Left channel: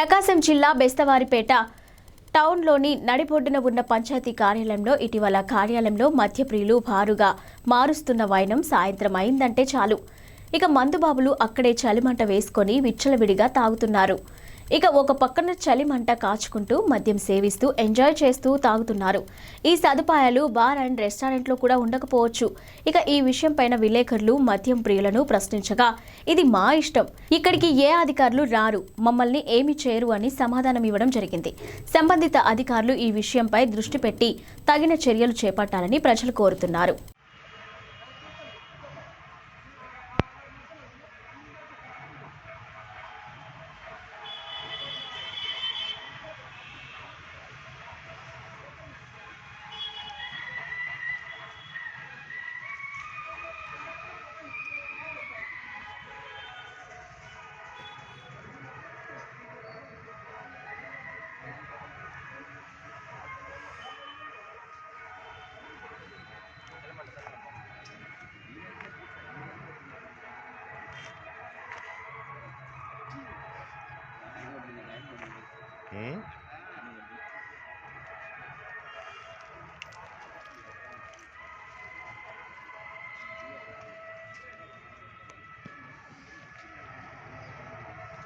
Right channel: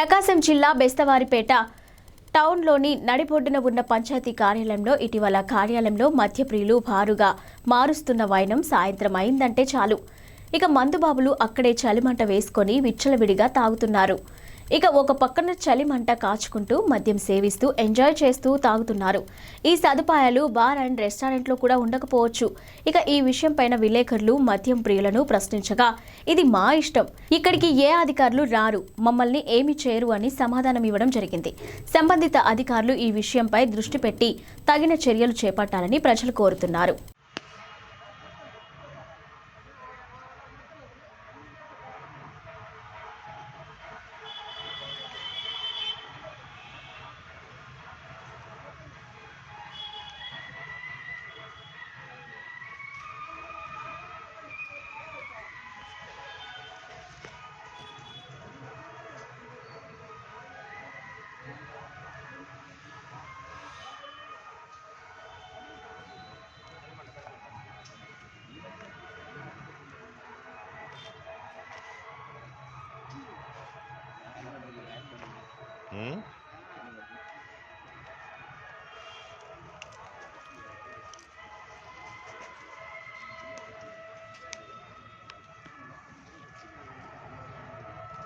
ప్రకాశం జిల్లా బెస్తవారిపేట టౌన్లోని నడిబొడ్డున ఉన్న పంచాయతీ కార్యాలయంలో ఇటీవల కార్యాలయంలో మద్యప్రియులు భారుగా మారుస్తున్న వైనం సాయంత్రం అయిందంటే చాలు. ఇక మందుబాబులు అక్కడే చలిమంట వేసుకొని విచ్చలవిడిగా తాగుతున్నారు. ఇక ఒక పక్కన చలి మంట కాచుకుంటూ మద్యం సేవిస్తూ ఎంజాయ్ చేస్తూ తాగుతున్నారు. ఈ సదుపాయాలు బార్ అండ్ రెస్టారెంట్లో కూడా ఉండకపోవచ్చు. ఇక ఈ విషయం పైన విలేకరులు మద్యం ప్రియులను ప్రశ్నించగా ఇది మా ఇష్టం. ఇక్కడికి ఏ అధికారులు రారు? మమ్మల్ని ఏమి చేయరు అని సమాధానం ఇవ్వడం జరిగింది. సంబంధిత అధికారులు ఈ విషయంపై దృష్టి పెట్టి తగిన చర్యలు చేపట్టాలని ప్రజలు కోరుతున్నారు. 嗯？